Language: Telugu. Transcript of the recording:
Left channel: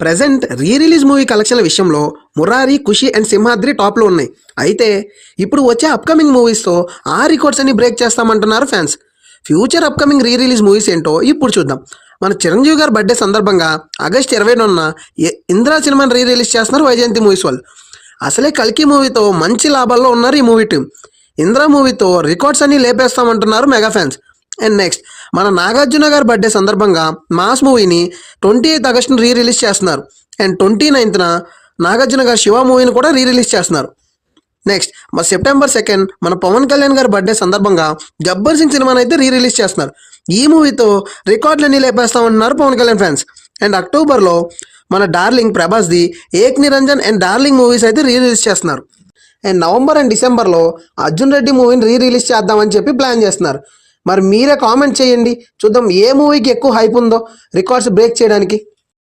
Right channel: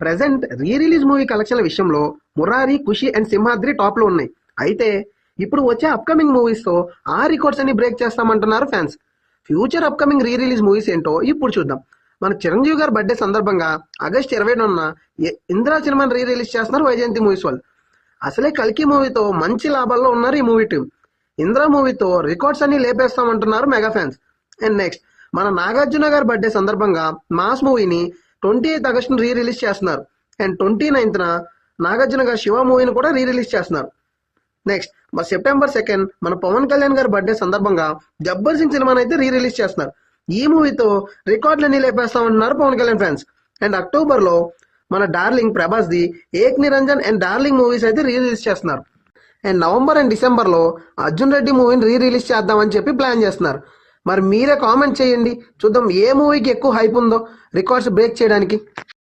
ప్రజెంట్ రీ రిలీజ్ మూవీ కలెక్షన్ల విషయంలో మురారి, ఖుషి అండ్ సింహాద్రి టాప్లో ఉన్నాయి. అయితే ఇప్పుడు వచ్చే అప్కమింగ్ మూవీస్తో ఆ రికార్డ్స్ అన్ని బ్రేక్ చేస్తామంటున్నారు fans. Future upcoming re release movies ఏంటో ఇప్పుడు చూద్దాం. మన చిరంజీవి గారి బర్త్డే సందర్భంగా ఆగస్ట్ 20న ఇంద్రా సినిమాని రీ రిలీజ్ చేస్తున్నారు వైజయంతి మూవీస్ వాళ్ళు. అసలే కల్కి మూవీతో మంచి లాభాల్లో ఉన్నారు ఈ మూవీ టీం. ఇంద్రా మూవీతో రికార్డ్స్ అన్ని లేపేస్తామంటున్నారు మెగా ఫ్యాన్స్. అండ్ నెక్స్ట్ మన నాగార్జున గారి బర్త్డే సందర్భంగా మాస్ మూవీని 28 ఆగస్టున రీ రిలీజ్ చేస్తున్నారు. అండ్ 29న నాగార్జున గారి శివ మూవీని కూడా రీ రిలీజ్ చేస్తున్నారు. నెక్స్ట్ మన సెప్టెంబర్ 2 మన పవన్ కళ్యాణ్ గారి బర్త్డే సందర్భంగా గబ్బర్ సింగ్ సినిమాని అయితే రీ రిలీజ్ చేస్తున్నారు. ఈ మూవీతో రికార్డులన్నీ లేపేస్తామంటున్నారు పవన్ కళ్యాణ్ ఫ్యాన్స్. అండ్ అక్టోబర్లో మన డార్లింగ్ ప్రభాస్ది Ek Niranjan and Darling movies అయితే రీ రిలీజ్ చేస్తున్నారు. అండ్ నవంబర్ అండ్ డిసెంబర్లో అర్జున్ రెడ్డి మూవీని రీ రిలీజ్ చేద్దామని చెప్పి ప్లాన్ చేస్తున్నారు. మరి మీరే కామెంట్ చేయండి, చూద్దాం ఏ మూవీకి ఎక్కువ హైప్ ఉందో రికార్డ్స్ బ్రేక్ చేయడానికి.